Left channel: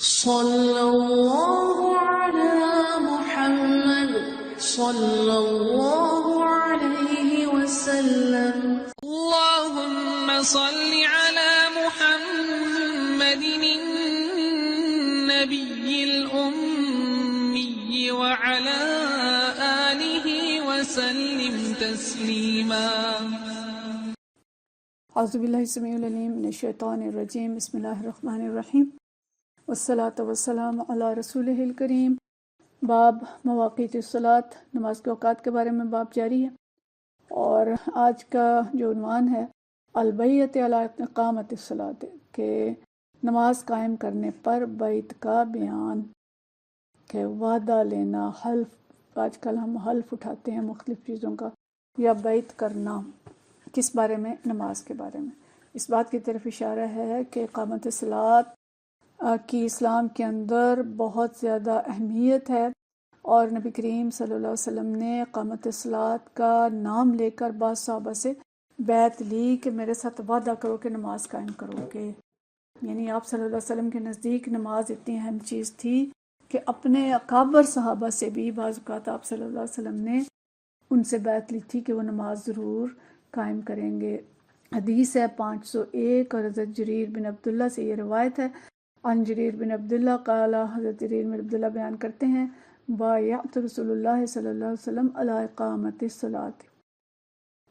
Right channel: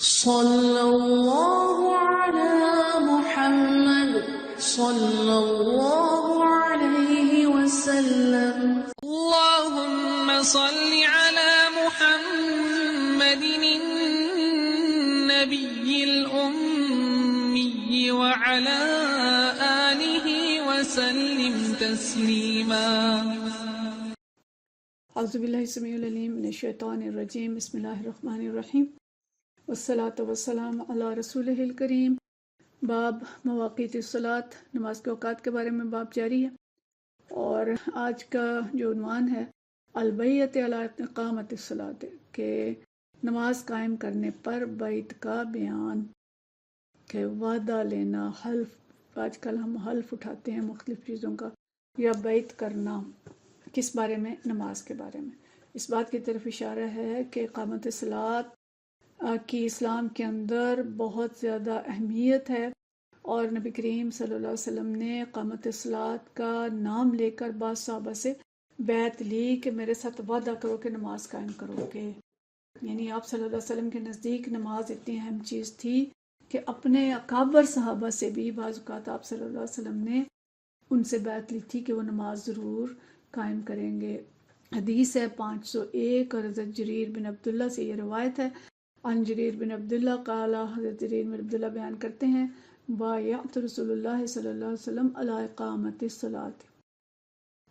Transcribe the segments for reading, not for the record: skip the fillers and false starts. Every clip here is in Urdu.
صلی اللہ علی محمد صلی اللہ علیہ وسلم. اللہم صل علی محمد النبی الأمی وعلی آلہ وسلم تسلیما. اعوذ باللہ السمیع العلیم من الشیطان الرجیم. بسم اللہ الرحمن الرحیم. والصلاۃ والسلام علی رسولہ الکریم. باب مواقیت الصلاۃ، نماز کے اوقات کے بارے میں باب جاری ہے، اور آج کا جو عنوان ہے البیعۃ علی اقامۃ الصلاۃ، کہ نماز قائم کرنے پر بیعت کا بیان، کہ وعدہ لینا، حلف. آج کل ہم حلف اٹھاتے ہیں مختلف چیزوں کا، یا بیعت کرنا. کس بارے میں؟ نماز کے بارے میں. اس بات کی طرف اشارہ ہے کہ اقامت الصلاۃ کی اسلام کے اندر بہت زیادہ اہمیت ہے، اور نبی کریم صلی اللہ علیہ وسلم نے اقامت الصلاۃ کا نام لے کر بعض صحابہ سے بیعت لی کہ میرے ساتھ وعدہ کرو کہ نماز قائم کرو گے. یعنی آپ صلی اللہ علیہ وسلم کے نزدیک نماز اتنی اہم چیز تھی کہ اپنے اکابر صحابہ سے بھی بعض اوقات آپ صلی اللہ علیہ وسلم نے ان سے بیعت لی تھی کہ وہ نماز ضرور قائم کریں گے. حدیث ہے 501، اور حضرت جریر بن عبداللہ سے یہ روایت ہے. عن جریر بن عبداللہ قال، حضرت جریر بن عبداللہ بیان کرتے ہیں، بایعت رسول اللہ صلی اللہ علیہ وسلم علی اقامت الصلاۃ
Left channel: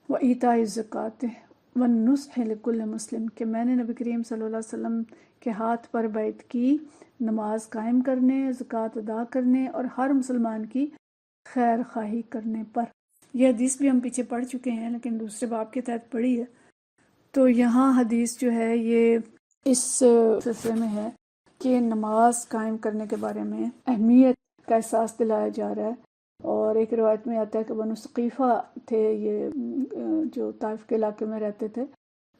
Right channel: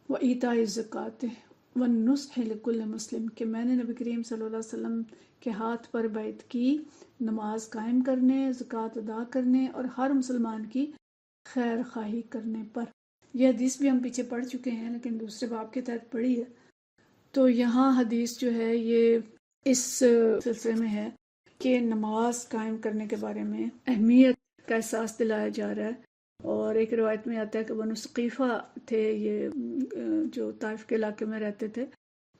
و ایتاء الزکوٰۃ والنصح لکل مسلم، کہ میں نے نبی کریم صلی اللہ علیہ وسلم کے ہاتھ پر بیعت کی نماز قائم کرنے، زکوٰۃ ادا کرنے، اور ہر مسلمان کی خیر خواہی کرنے پر. یہ حدیث بھی ہم پیچھے پڑھ چکے ہیں، لیکن دوسرے باب کے تحت پڑھی ہے. تو یہاں حدیث جو ہے یہ اس سلسلے میں ہے کہ نماز قائم کرنے کے بارے میں اہمیت کا احساس دلایا جا رہا ہے. اور ایک روایت میں آتا ہے کہ بنو ثقیفہ تھے، یہ جو طائف کے علاقے میں رہتے تھے،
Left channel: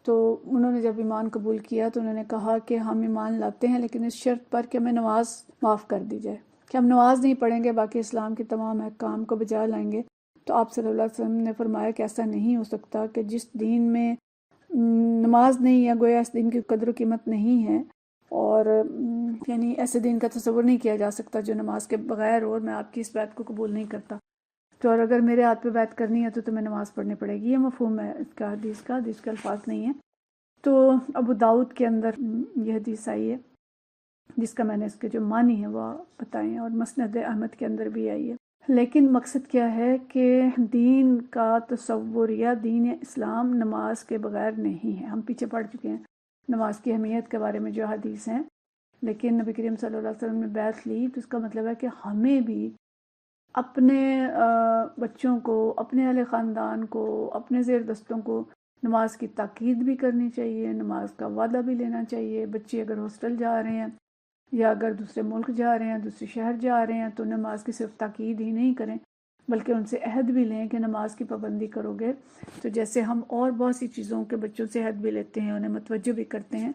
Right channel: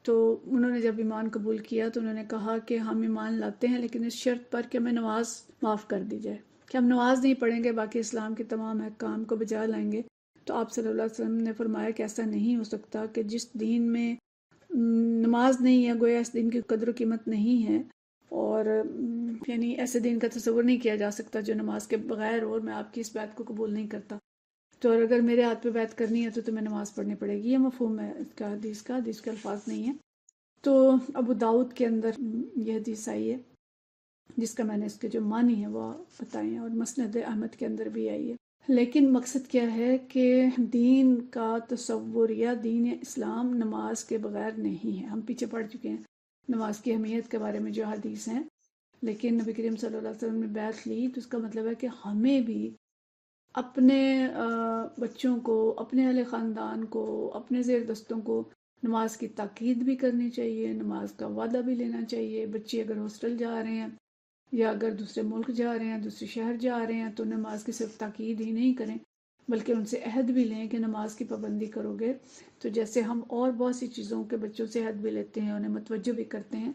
تو انہوں نے جب ایمان قبول کیا تو انہوں نے کہا کہ ہم ایمان لاتے ہیں لیکن اس شرط پر کہ ہمیں نماز معاف کر دی جائے، کہ ہم نماز نہیں پڑھیں گے، باقی اسلام کے تمام احکام کو بجا لائیں گے. تو آپ صلی اللہ علیہ وسلم نے فرمایا کہ ایسا نہیں ہو سکتا، کہ جس دین میں نماز نہیں ہے گویا اس دین کی قدر و قیمت نہیں ہے، اور یعنی ایسے دین کا تصور نہیں کیا جا سکتا جو نماز کے بغیر، اور میں آپ کی اس بیعت کو قبول نہیں کرتا. تو اور اگر میرے ہاتھ پہ بیعت کرنی ہے تو تمہیں نماز پڑھنی پڑے گی. یہ مفہوم ہے اس کا، حدیث کے الفاظ نہیں ہیں. تو ابو داؤد کے اندر یہ حدیث آئی ہے، جس کا میں نے اس کے جو معنی ہیں وہ بتائے ہیں، اور مسند احمد کے اندر بھی آئی ہے. لیکن مقصد کیا ہے کہ دین کا تصور یا دین اسلام نماز کے بغیر نہیں ہے. ہم پیچھے پڑھ چکے ہیں نماز کی اہمیت کے بارے میں جو حدیث ہیں، لیکن نبی کریم صلی اللہ علیہ وسلم نے بیعت لی تو اس کا مطلب ہے کہ ہمیں بھی اپنے بچوں کو، اپنے اہل خاندان کو، اپنے زیر دستوں کو نماز کی تاکید بھی کرنی چاہیے، نماز کا وعدہ بھی لینا چاہیے. بچے اگر ہاسٹل جا رہے ہیں یا اگر دوسرے ملک جا رہے ہیں، دوسرے شہر جا رہے ہیں، تو نماز کی صرف تاکید ہی نہیں کریں بلکہ ان سے عہد بھی لیں کہ نماز کی پابندی کرو گے. تو جیسے ہم اور بہت سی چیزوں کے بچوں سے عہد بھی لیتے ہیں، انہیں متوجہ بھی کرتے ہیں،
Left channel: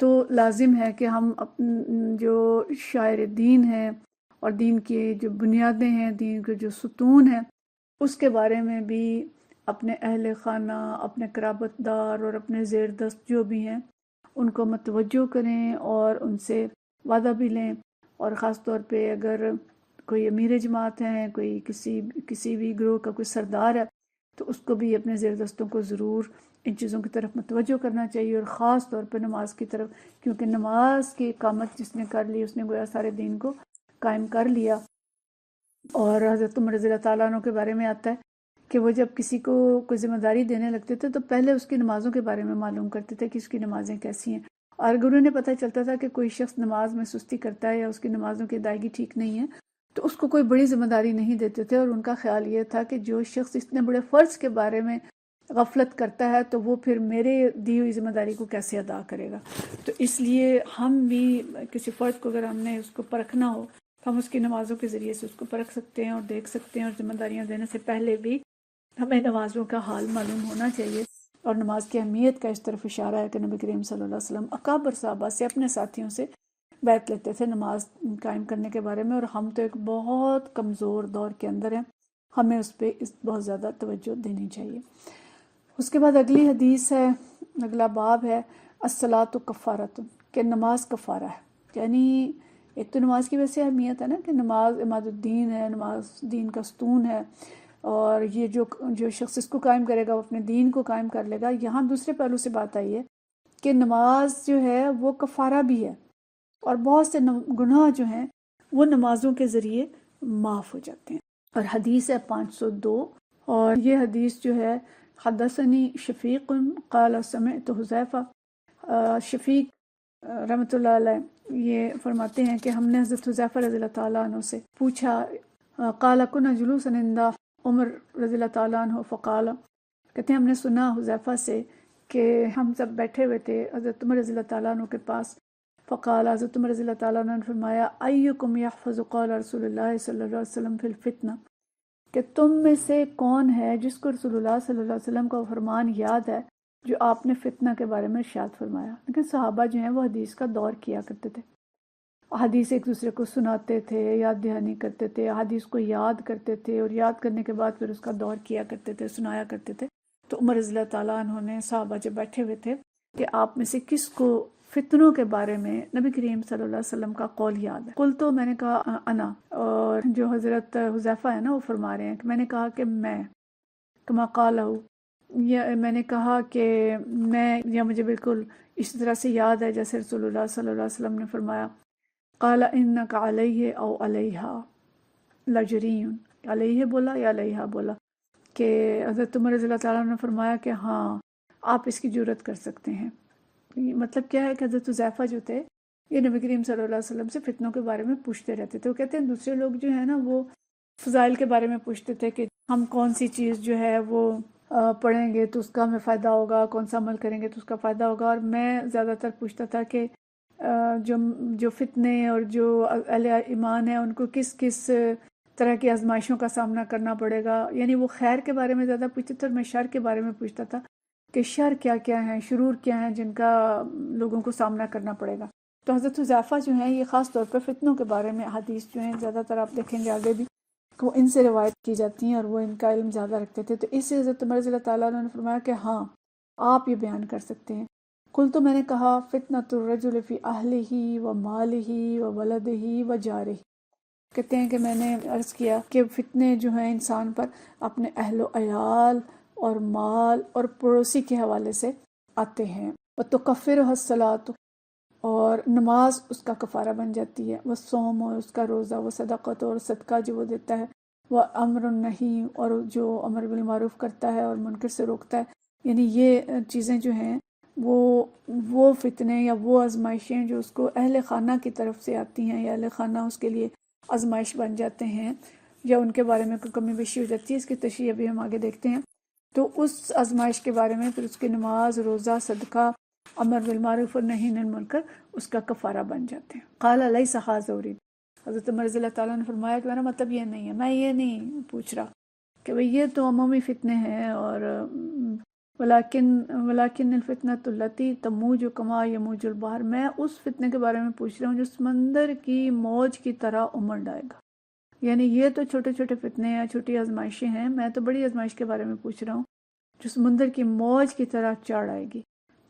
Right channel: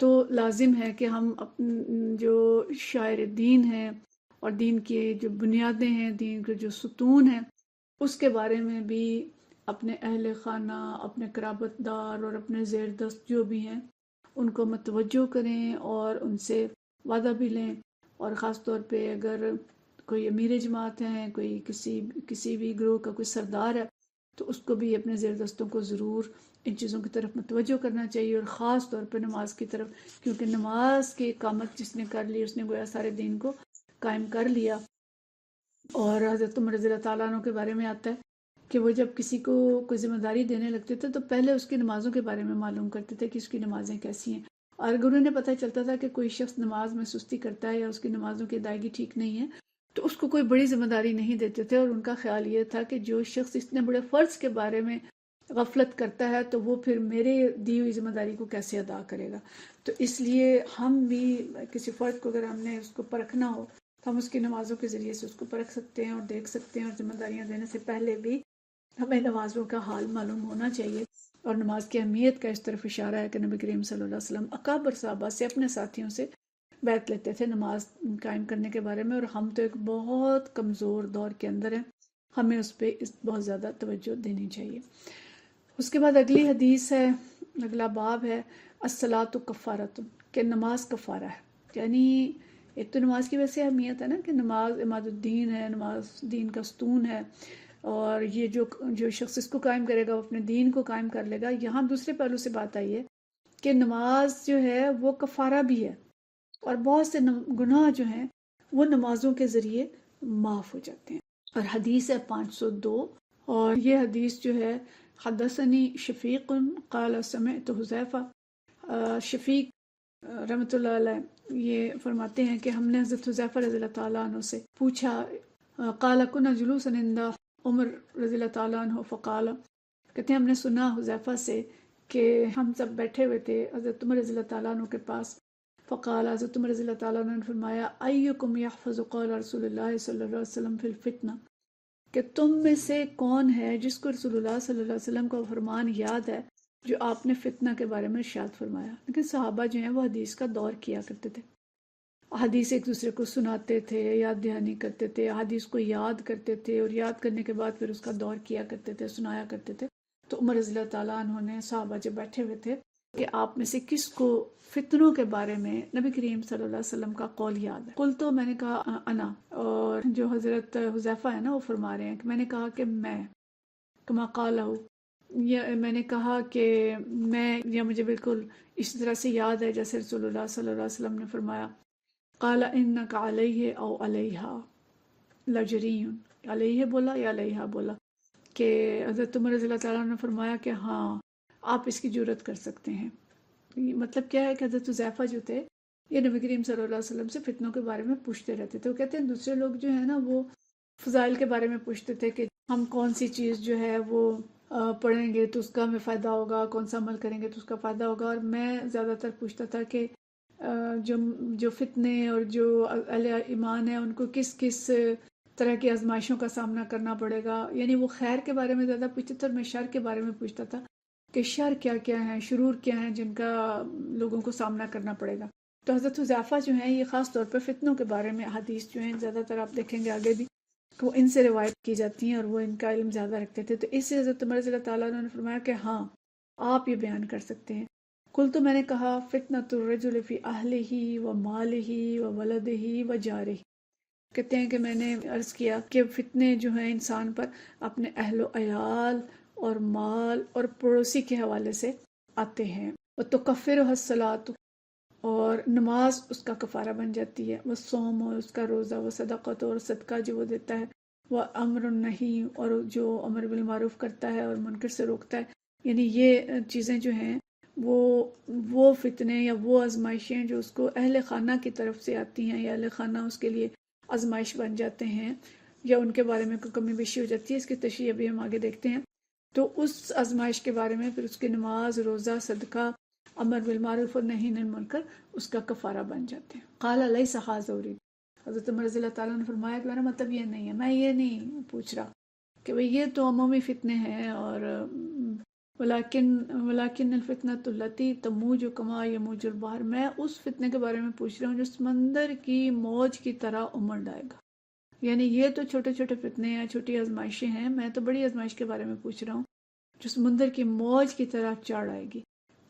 تو لازم ہے کہ ہم جو شاعر دین ہیں اور دین کی جو بنیادیں ہیں، دین کے جو ستون ہیں، اس کے بارے میں بھی اپنے اہل خانہ، اپنے قرابت دار اور اپنے زیر دست جو بھی ہیں ان کو متوجہ کریں اور ان سے وعدہ بھی لیں. اور خاص طور پہ اگر کوئی امیر جماعت ہیں، کوئی کسی بھی گروہ کا کوئی سردار ہے، تو اس کو بھی اپنے زیر دستوں کو ضرور ان چیزوں کی طرف متوجہ کرنا چاہیے، اور خاص طور پہ نماز کی طرف، کیونکہ نماز کی اقامت جس نے کر لی اس نے گویا سارے دین کو قائم کر لیا. اور حضرت عمر رضی اللہ تعالیٰ عنہ کے بارے میں آتا ہے کہ وہ جب کسی کو کوئی ذمہ داری دینے لگتے تھے تو پہلے اس کی نمازوں کے بارے میں معلوم کرتے تھے کہ اس کی نمازیں کیسی ہیں. اور اگر انہیں پتہ چلتا تھا کہ کوئی شخص نماز میں سستی کرتا ہے یا اس کی نمازوں کی ادائیگی ٹھیک نہیں ہے، تو اس کو کوئی بڑی ذمہ داری نہیں دیتے تھے. اور ان کا خیال یہ تھا کہ جو شخص اتنے بڑے فرض کے بارے میں غفلت کرتا ہے تو وہ پھر میرے دی ہوئی ذمہ داری کو کیسے ادا کرے گا. تو اس لیے ہم بھی کسی فرد کو اگر ہم نے اس کو پرکھنا ہو تو ہم اس کی نمازوں کے ذریعے سے اس کو پرکھ سکتے ہیں اور دیکھ سکتے ہیں، اور ذمہ داریاں دینے سے پہلے بھی ہمیں نمازوں کا حال معلوم ہونا چاہیے. اور نماز کی اہمیت کا اس طرف اشارہ ہے کہ نبی کریم صلی اللہ علیہ وسلم اکابر صحابہ سے، اپنے ساتھیوں سے بیعت لیتے تھے نماز قائم کرنے کے بارے میں. اور ہم تو ایک بہت کمزور دور کے اندر ہیں، ہمیں اس پہ بہت زیادہ توجہ دینی چاہیے. اس کے بعد اگلی حدیث ہے، اگلا باب ہے الصلاۃ کفارۃ، کہ نماز کفارہ ہے. یعنی ایک تو نماز کی ویسے اہمیت ہے نا کہ نماز عماد الدین ہے، نماز دین کا ستون ہے، اور یہ جو شخص اس کو قائم کرے گا وہ اپنے دین کو قائم کر لے گا۔ یہاں دوسرے پہلو سے بات آئی ہے کہ نماز جو ہے وہ کفارہ بھی ہے، اور بہت سے گناہ جو ہیں وہ نمازوں کے ذریعے معاف ہو جاتے ہیں۔ اور حدیث ہے 502، اور یہ حدیث جو ہے حدثنی شفیق قال سمعت حذیفہ، شفیق رحمۃ اللہ علیہ یہ فرماتے ہیں کہ ہم نے حضرت حذیفہ رضی اللہ تعالیٰ عنہ سے پوچھا، قال کنا جلوسا عند عمر رضی اللہ تعالیٰ عنہ فقال، کہتے ہیں ہم نے سنا حذیفہ سے کہ ہم سب بیٹھے ہوئے تھے حضرت عمر رضی اللہ تعالیٰ عنہ کے پاس، فقال، حضرت عمر رضی اللہ تعالیٰ عنہ نے فرمایا، ایکم یحفظ قول رسول اللہ صلی اللہ علیہ وسلم فی الفتنہ، کہ تم میں سے کون ہے جس کو رسول اللہ صلی اللہ علیہ وسلم کا فرمان یاد ہے جو آپ نے فتنہ کے بارے میں ارشاد فرمایا۔ لیکن صحابہ جو ہیں وہ حدیث کا دور کیا کرتے تھے، حدیث ایک دوسرے کو سناتے تھے، یاد دہانی کرتے تھے، حدیث کو یاد کرتے تھے، اور یاد کرنے کے بعد پھر اس کا دور کیا کرتے تھے، سنایا کرتے تھے۔ تو عمر رضی اللہ تعالیٰ عنہ نے صحابہ جب بیٹھے ہوئے تھے کہ آپ میں سے کس کو فتنوں کے بارے میں نبی کریم صلی اللہ علیہ وسلم کا قول یاد ہے؟ قل، تو میں نے کہا انا، اور جو حضرت حذیفہ ہے نا وہ فرما رہے ہیں کہ میں نے کہا کہ میں، کما قالہ، یہ میں نے کہا کہ میں، یا مجھے بالکل اسی طرح سے یاد ہے جیسے رسول اللہ صلی اللہ علیہ وسلم نے فرمایا، قال انک علیہ او علیہا لجری، علیہ بولا یا علیہا بولا، کہ حضرت عمر رضی اللہ تعالیٰ نے فرمایا کہ ہاں آپ اس کی جرت کر سکتے ہیں۔ مطلب کیا ہے کہ حضرت حذیفہ جو تھے یہ نبی کریم صلی اللہ علیہ وسلم سے فتنوں کے بارے میں پوچھتے رہتے تھے۔ وہ کہتے ہیں دوسرے لوگ جو ہے نا وہ فضائل کے بارے میں پوچھتے تھے کہ ہم کون سی چیز جو ہے وہ پڑھیں گے تو اس کا ہمیں فائدہ ہوگا، کون سا عمل کریں گے تو اس کا فائدہ ہوگا، اور میں زیادہ تر پوچھتا تھا کہ جو فتنے اور جو اہل ایمان ہیں ان کو کس کس طرح کی آزمائشوں کا سامنا کرنا پڑے گا، یعنی وہ خیر کے بارے میں زیادہ پوچھتے تھے، اور میں شر کے بارے میں پوچھتا تھا کہ شر کیا کیا ہیں، شرور کیا ہیں جن کا لوگوں کو سامنا کرنا پڑے گا۔ تو حضرت حذیفہ جو ہیں یہ خاص طور پر فتنوں کے بارے میں حدیث جو ہیں زیادہ تر آپ دیکھیں گے آگے بھی وہ ان سے روایت کی جاتی ہیں، اور وہ ان کا علم زیادہ رکھتے تھے۔ تو اس سے حضرت عمر رضی اللہ تعالیٰ عنہ نے فرمایا کہ ہاں آپ یہ بیان کر سکتے ہیں۔ قل، تو میں نے کہا، فتنۃ الرجل فی اہلہ و مالہ و ولدہ و جارہ، کہتے ہیں کہ میں نے عرض کیا کہ فتنے جو ہیں انسان پر اپنے اہل و عیال اور مال اور پڑوسی کے حوالے سے آتے ہیں۔ وَتُكَفِّرُهَا الصَّلَاةُ، اور نماز اس کا کفارہ بن جاتی ہے، والصوم، اور اس کا روزہ، وصدقۃ، اور صدقہ جو وہ دیتا ہے، وامر النہی، اور جو امر بالمعروف کرتا ہے اور منکر سے روکتا ہے، یعنی یہ چیزیں جو ہیں وہ فتنے یا وہ آزمائشیں جو اس کو اہل خانہ کی طرف سے آتی ہیں، یا اہل خانہ اس کے لیے آزمائش بن جاتے ہیں، یا ان کے بارے میں کوئی کمی بیشی ہو جاتی ہے، اس کی تشریح ابھی ہم آگے دیکھتے ہیں۔ تو اس آزمائش کے بارے میں پھر اس کی نماز، روزہ، صدقہ، امر بالمعروف اور نہی عن المنکر اس کا کفارہ بن جاتے ہیں۔ قال لیس ھذا ارید، حضرت عمر رضی اللہ تعالیٰ نے فرمایا کہ میرا مطلب یہ نہیں ہے، میں یہ نہیں پوچھ رہا کہ بھئی یہ تو عمومی فتنے ہیں، اور ولیکن الفتنۃ التی تموج کما یموج البحر، میں اس فتنے کے بارے میں پوچھ رہا ہوں جو سمندر کی موج کی طرح امڑ آئے گا۔ یعنی یہ تو چھوٹے چھوٹے فتنے ہیں، چھوٹی آزمائشیں ہیں، میں تو بڑی آزمائش کے بارے میں پوچھ رہا ہوں جو سمندر کی موج کی طرح چڑھ آئے گی۔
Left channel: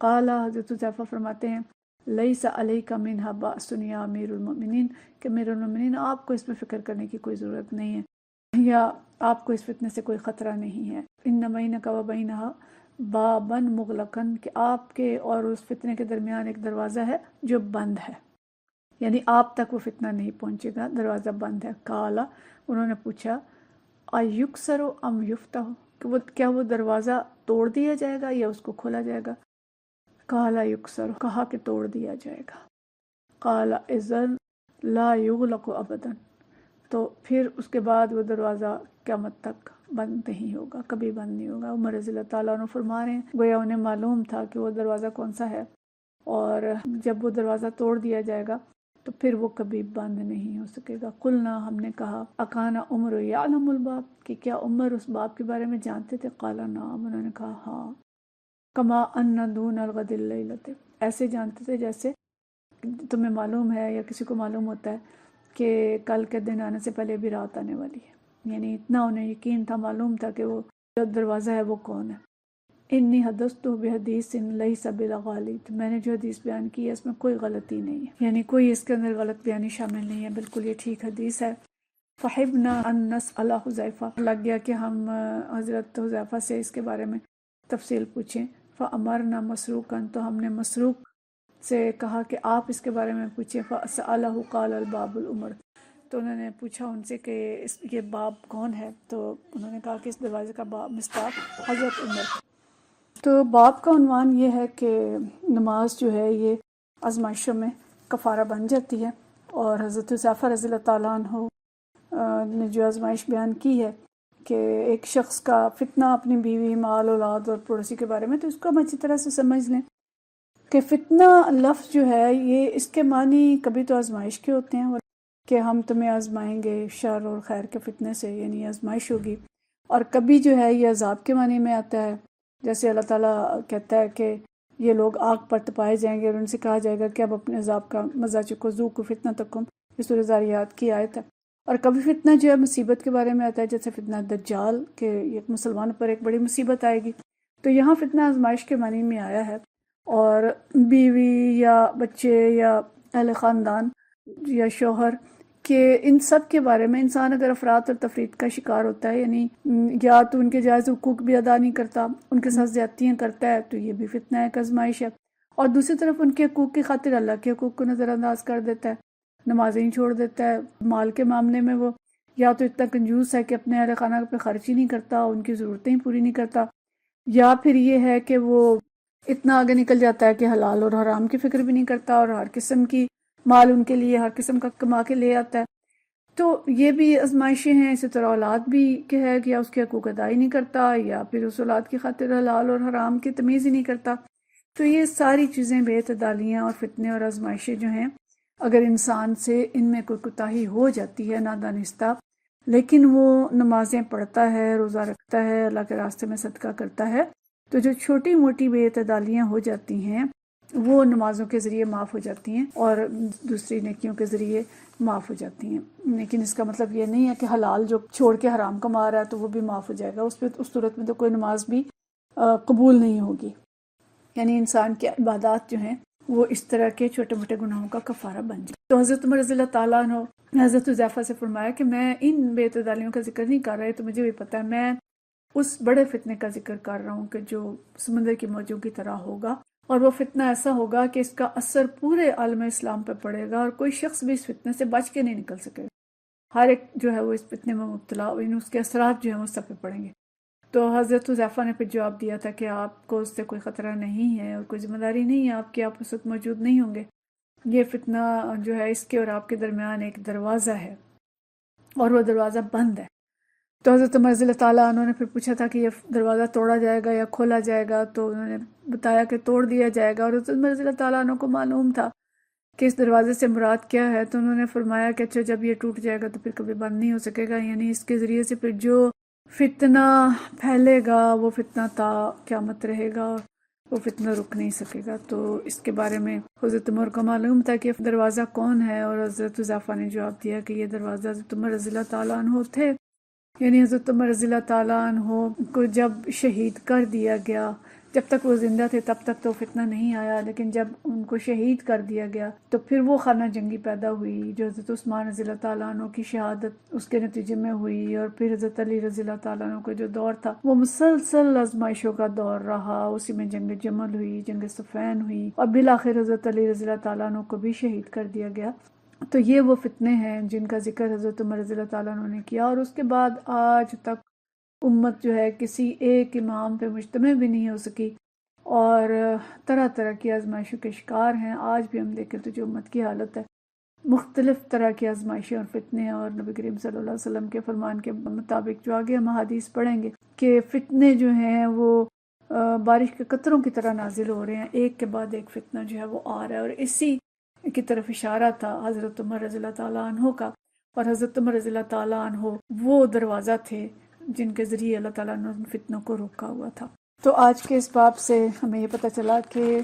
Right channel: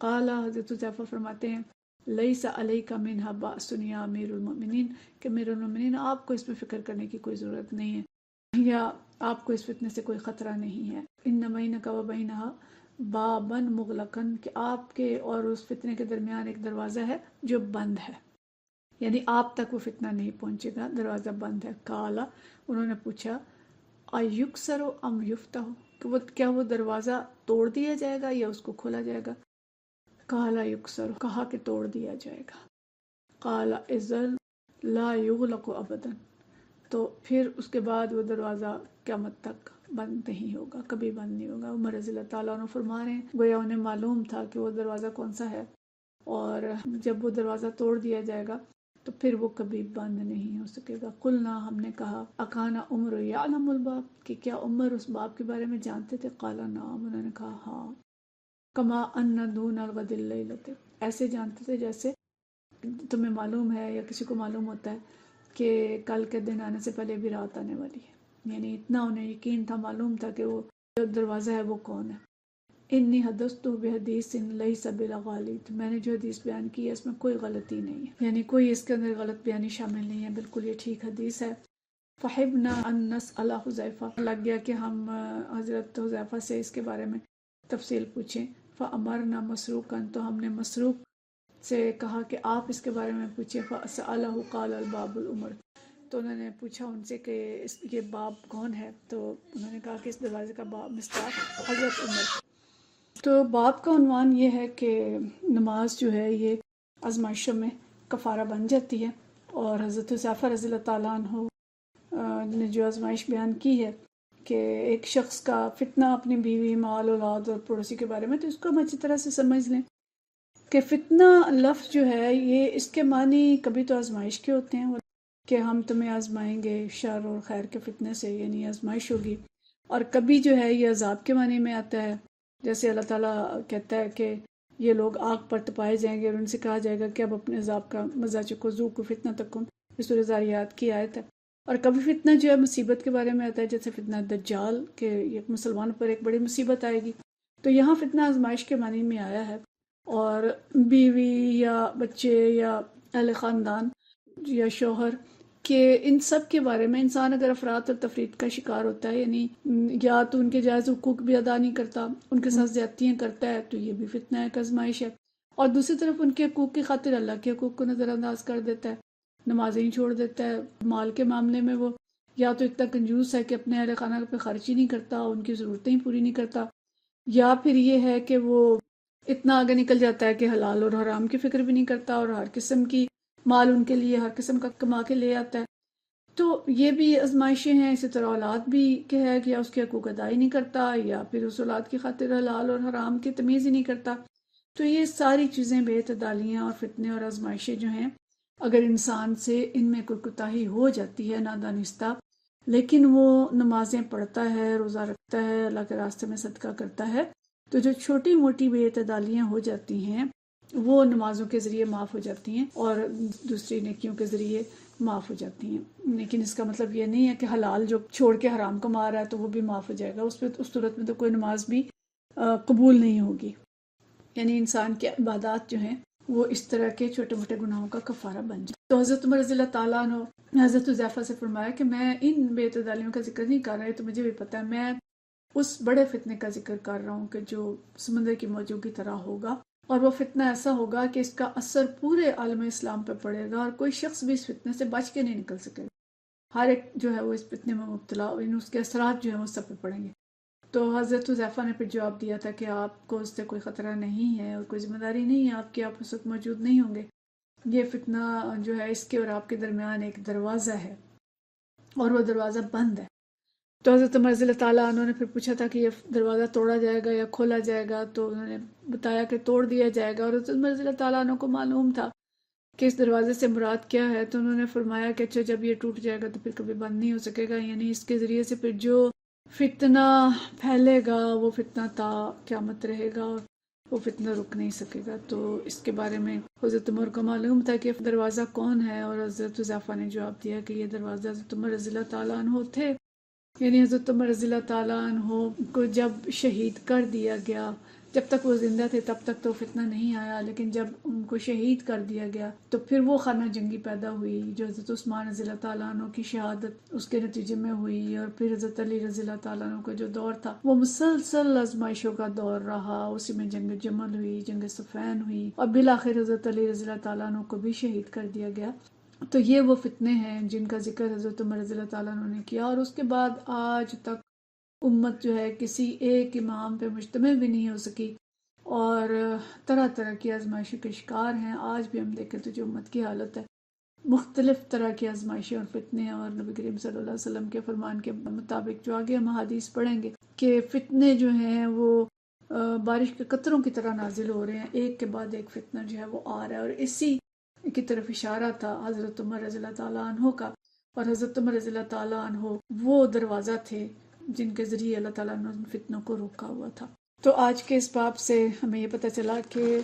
قال، حضرت حذیفہ فرماتے ہیں، لیس علیک منھا بأس یا امیر المؤمنین، کہ امیر المؤمنین آپ کو اس میں فکر کرنے کی کوئی ضرورت نہیں ہے، یا آپ کو اس فتنے سے کوئی خطرہ نہیں ہے۔ ان بینک و بینھا بابا مغلقا، کہ آپ کے اور اس فتنے کے درمیان ایک دروازہ ہے جو بند ہے، یعنی آپ تک وہ فتنہ نہیں پہنچے گا، دروازہ بند ہے۔ قالا، انہوں نے پوچھا، ایکسر ام یفتح، کہ کیا وہ دروازہ توڑ دیا جائے گا یا اس کو کھولا جائے گا؟ قالا یکسر، کہا کہ توڑ دیا جائے گا۔ قالا اذن لا یغلق ابدا، تو پھر اس کے بعد وہ دروازہ قیامت تک بند نہیں ہوگا، کبھی بند نہیں ہوگا۔ عمر رضی اللہ تعالیٰ عنہ فرما رہے ہیں گویا انہیں معلوم تھا کہ وہ دروازہ کون سا ہے، اور جب وہ دروازہ توڑ دیا جائے گا تو پھر وہ کبھی بند نہیں ہو سکے گا۔ قلنا، ہم نے کہا، اکان عمر یعلم الباب، کہ کیا عمر اس باب کے بارے میں جانتے تھے؟ قال نعم، انہوں نے کہا ہاں۔ کما ان دون الغد اللیلۃ، ایسے جانتے تھے جیسے تمہیں معلوم ہے یا کسی کو معلوم ہوتا ہے کہ کل کے دن آنے سے پہلے بھی رات آنے والی ہے، یعنی اتنا انہیں یقین تھا، معلوم تھا کہ وہ جو دروازہ ہے وہ کون ہے۔ انی حدثت بحدیث لیس بالغالب، تو میں نے جو حدیث بیان کی ہے اس میں کوئی غلطی نہیں ہے، یعنی کوئی اس کے اندر غلط بیانی شامل نہیں ہے، بالکل یہ ٹھیک حدیث ہے۔ فحبنا ان نسأل حذیفہ، لگ گیا کہ ہم حضرت حذیفہ سے اس کے بارے میں تفصیل پوچھیں۔ فامرنا مسروقا، تو ہم نے مسروق سے کہا کہ آپ اس کے بارے میں پوچھیں۔ فسألہ قال الباب العمر، تو انہوں نے پوچھا ان سے کہ یہ باب کون ہے، تو انہوں نے کہا کہ اس دروازے کا باب مصداق حضرت عمر۔ تو باب کا عنوان یہ ہے کہ نماز جو ہے یہ آزمائشوں میں کفارہ بن جاتی ہے، اور حضرت حذیفہ رضی اللہ تعالیٰ عنہ نے جو آزمائش بیان کی ہے کہ ایک شخص کا فتنہ اپنی بیوی، مال، اولاد اور پڑوسی کے بارے میں، تو اس کو ہم اچھی طرح سے سمجھ لیں کہ فتنہ لفظ جو ہے یہ اس کے معنی کبھی تو آزمائش کے ہوتے ہیں کہ ہم تمہیں آزمائیں گے شر اور خیر کے فتنے سے، یعنی آزمائش ہوگی، اور کبھی جو ہے یہ عذاب کے معنی میں آتا ہے، جیسے اللہ تعالیٰ کہتا ہے کہ یہ لوگ آگ پر تپائے جائیں گے اور ان سے کہا جائے گا کہ اب اپنے عذاب کا مزہ چکھو، ذوقوا فتنتکم، یہ سورہ ذاریات کی آیت ہے۔ اور کبھی فتنہ جو ہے مصیبت کے بارے میں آتا ہے، جیسے فتنہ دجال، کہ یہ مسلمان پر ایک بڑی مصیبت آئے گی، تو یہاں فتنہ آزمائش کے معنی میں آیا ہے، اور بیوی یا بچے یا اہل خاندان یا شوہر کہ ان سب کے بارے میں انسان اگر افراد اور تفرید کا شکار ہوتا ہے، یعنی یا تو ان کے جائز حقوق بھی ادا نہیں کرتا، ان کے ساتھ زیادتیاں کرتا ہے، تو یہ بھی فتنہ ایک آزمائش ہے، اور دوسری طرف ان کے حقوق کی خاطر اللہ کے حقوق کو نظر انداز کر دیتا ہے، نمازیں ہی چھوڑ دیتا ہے، مال کے معاملے میں وہ یا تو اتنا کنجوس ہے کہ اپنے اہل خانہ پہ خرچ ہی نہیں کرتا، ان کی ضرورتیں ہی پوری نہیں کرتا، یا پھر یہ ہے کہ وہ اتنا آگے نکل جاتا ہے کہ حلال اور حرام کی فکر بھی نہیں کرتا، اور ہر قسم کی مال ان کے لیے ہر قسم کا کما کے لے آتا ہے، تو یہ بھی آزمائشیں ہیں۔ اسی طرح اولاد بھی کہ ہے کہ یا اس کے حقوق ادا ہی نہیں کرتا، یا پھر اس اولاد کی خاطر حلال اور حرام کی تمیز ہی نہیں کرتا، تو یہ ساری چیزیں بے اعتدالیاں اور فتنے اور آزمائشیں جو ہیں، اگر انسان سے ان میں کوئی کوتاہی ہو جاتی ہے نادانستہ، لیکن وہ نمازیں پڑھتا ہے، روزہ رکھتا ہے، اللہ کے راستے میں صدقہ کرتا ہے، تو جو چھوٹی موٹی بے اعتدالیاں ہو جاتی ہیں وہ نمازوں کے ذریعے معاف ہو جاتی ہیں اور دوسری نیکیوں کے ذریعے معاف ہو جاتی ہیں۔ لیکن اس کا مطلب یہ نہیں ہے کہ حلال جو چھوڑ کے حرام کما رہا ہے تو وہ بھی معاف ہو جائے گا، اس صورت میں تو کوئی نماز بھی قبول نہیں ہوگی، یعنی انسان کی عبادات جو ہیں وہ اس طرح کے چھوٹے موٹے گناہوں کا کفارہ بن جائے۔ تو حضرت عمر رضی اللہ تعالیٰ عنہ حضرت حذیفہ سے فرمایا کہ میں ان بے اعتدالیوں کا ذکر نہیں کر رہا، تو مجھے بھی پتہ ہے، میں اس بڑے فتنے کا ذکر کر رہا ہوں کہ جو سمندر کی موجوں کی طرح ہوگا، اور وہ فتنہ ایسا ہوگا کہ اس کا اثر پورے عالم اسلام پہ پڑے گا، اور کوئی شخص بھی اس فتنے سے بچ کے نہیں نکل سکے گا، ہر ایک جو ہے وہ اس فتنے میں مبتلا، اس کے اثرات جو ہیں وہ سب پہ پڑیں گے۔ تو حضرت حذیفہ نے پھر جواب دیا تھا کہ آپ کو اس سے کوئی خطرہ نہیں ہے اور کوئی ذمہ داری نہیں ہے آپ کی، آپ اس وقت موجود نہیں ہوں گے، یہ فتنہ جو ہے اس کے اور آپ کے درمیان ایک دروازہ ہے اور وہ دروازہ بند ہے۔ تو حضرت عمر رضی اللہ تعالیٰ عنہ نے پھر پوچھا تھا کہ یہ دروازہ توڑا جائے گا یا کھولا جائے گا، تو انہوں نے بتایا کہ توڑ دیا جائے گا، اور حضرت عمر رضی اللہ تعالیٰ عنہ کو معلوم تھا کہ اس دروازے سے مراد کیا ہے، تو انہوں نے فرمایا کہ اچھا جب یہ ٹوٹ جائے گا تو پھر کبھی بند نہیں ہو سکے گا، یعنی اس کے ذریعے سے پھر جو فتنہ پھیلے گا وہ فتنہ تا قیامت رہے گا، وہ فتنہ رک نہیں سکے گا۔ تو اس کے بارے میں حضرت عمر کو معلوم تھا کہ دروازہ کون ہے، اور حضرت حذیفہ نے جواب دیا کہ یہ دروازہ حضرت عمر رضی اللہ تعالیٰ عنہ تھے، یعنی حضرت عمر رضی اللہ تعالیٰ عنہ کو جب شہید کر دیا گیا، جب تک وہ زندہ تھے تب تک تو فتنہ نہیں آیا، لیکن جب ان کو شہید کر دیا گیا تو پھر وہ خانہ جنگی پیدا ہوئی جو حضرت عثمان رضی اللہ تعالیٰ عنہ کی شہادت اس کے نتیجے میں ہوئی، اور پھر حضرت علی رضی اللہ تعالیٰ عنہ کا جو دور تھا وہ مسلسل آزمائشوں کا دور رہا، اسی میں جنگ جمل ہوئی، جنگ صفین ہوئی، اور بالآخر حضرت علی رضی اللہ تعالیٰ عنہ کو بھی شہید کر دیا گیا۔ تو یہ وہ فتنے ہیں جن کا ذکر حضرت عمر رضی اللہ تعالیٰ عنہ نے کیا، اور اس کے بعد آج تک امت جو ہے کسی ایک امام پہ مجتمع بھی نہیں ہو سکی، اور طرح طرح کی آزمائشوں کے شکار ہیں۔ آج بھی ہم دیکھیں تو جو امت کی حالت ہے، مختلف طرح کی آزمائشیں اور فتنے، اور نبی کریم صلی اللہ علیہ وسلم کے فرمان کے مطابق جو آگے ہم حدیث پڑھیں گے کہ فتنے جو ہیں وہ بارش کے قطروں کی طرح نازل ہو رہے ہیں، ایک کے بعد ایک فتنہ جو ہے وہ آ رہا ہے، اور اسی کی طرف اشارہ تھا حضرت عمر رضی اللہ تعالیٰ عنہ کا، اور حضرت عمر رضی اللہ تعالیٰ عنہ وہ دروازہ تھے جن کے ذریعے اللہ تعالیٰ نے ان فتنوں کو روکا ہوا تھا۔ تو آج کے اس باب سے ہمیں یہ پتہ چلا کہ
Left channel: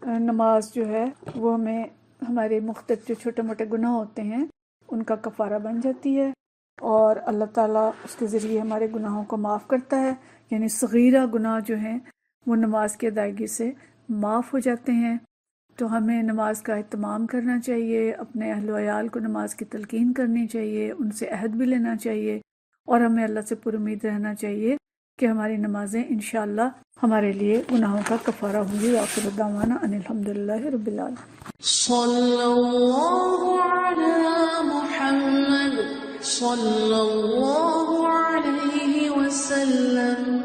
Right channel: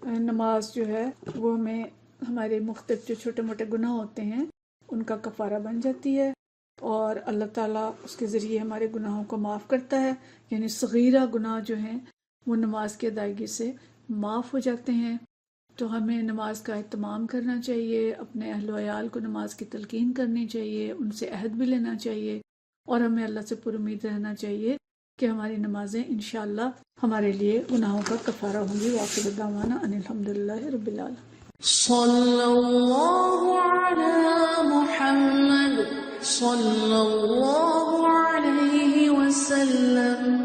نماز جو ہے وہ ہمیں ہمارے مختلف جو چھوٹے موٹے گناہ ہوتے ہیں ان کا کفارہ بن جاتی ہے، اور اللہ تعالیٰ اس کے ذریعے ہمارے گناہوں کو معاف کرتا ہے، یعنی صغیرہ گناہ جو ہیں وہ نماز کی ادائیگی سے معاف ہو جاتے ہیں۔ تو ہمیں نماز کا اہتمام کرنا چاہیے، اپنے اہل و عیال کو نماز کی تلقین کرنی چاہیے، ان سے عہد بھی لینا چاہیے، اور ہمیں اللہ سے پر امید رہنا چاہیے کہ ہماری نمازیں انشاءاللہ ہمارے لیے گناہوں کا کفارہ ہوں گی۔ وآخر دعوانا ان الحمدللہ رب العالمین۔ صلی اللہ علی محمد صلی اللہ علیہ وسلم۔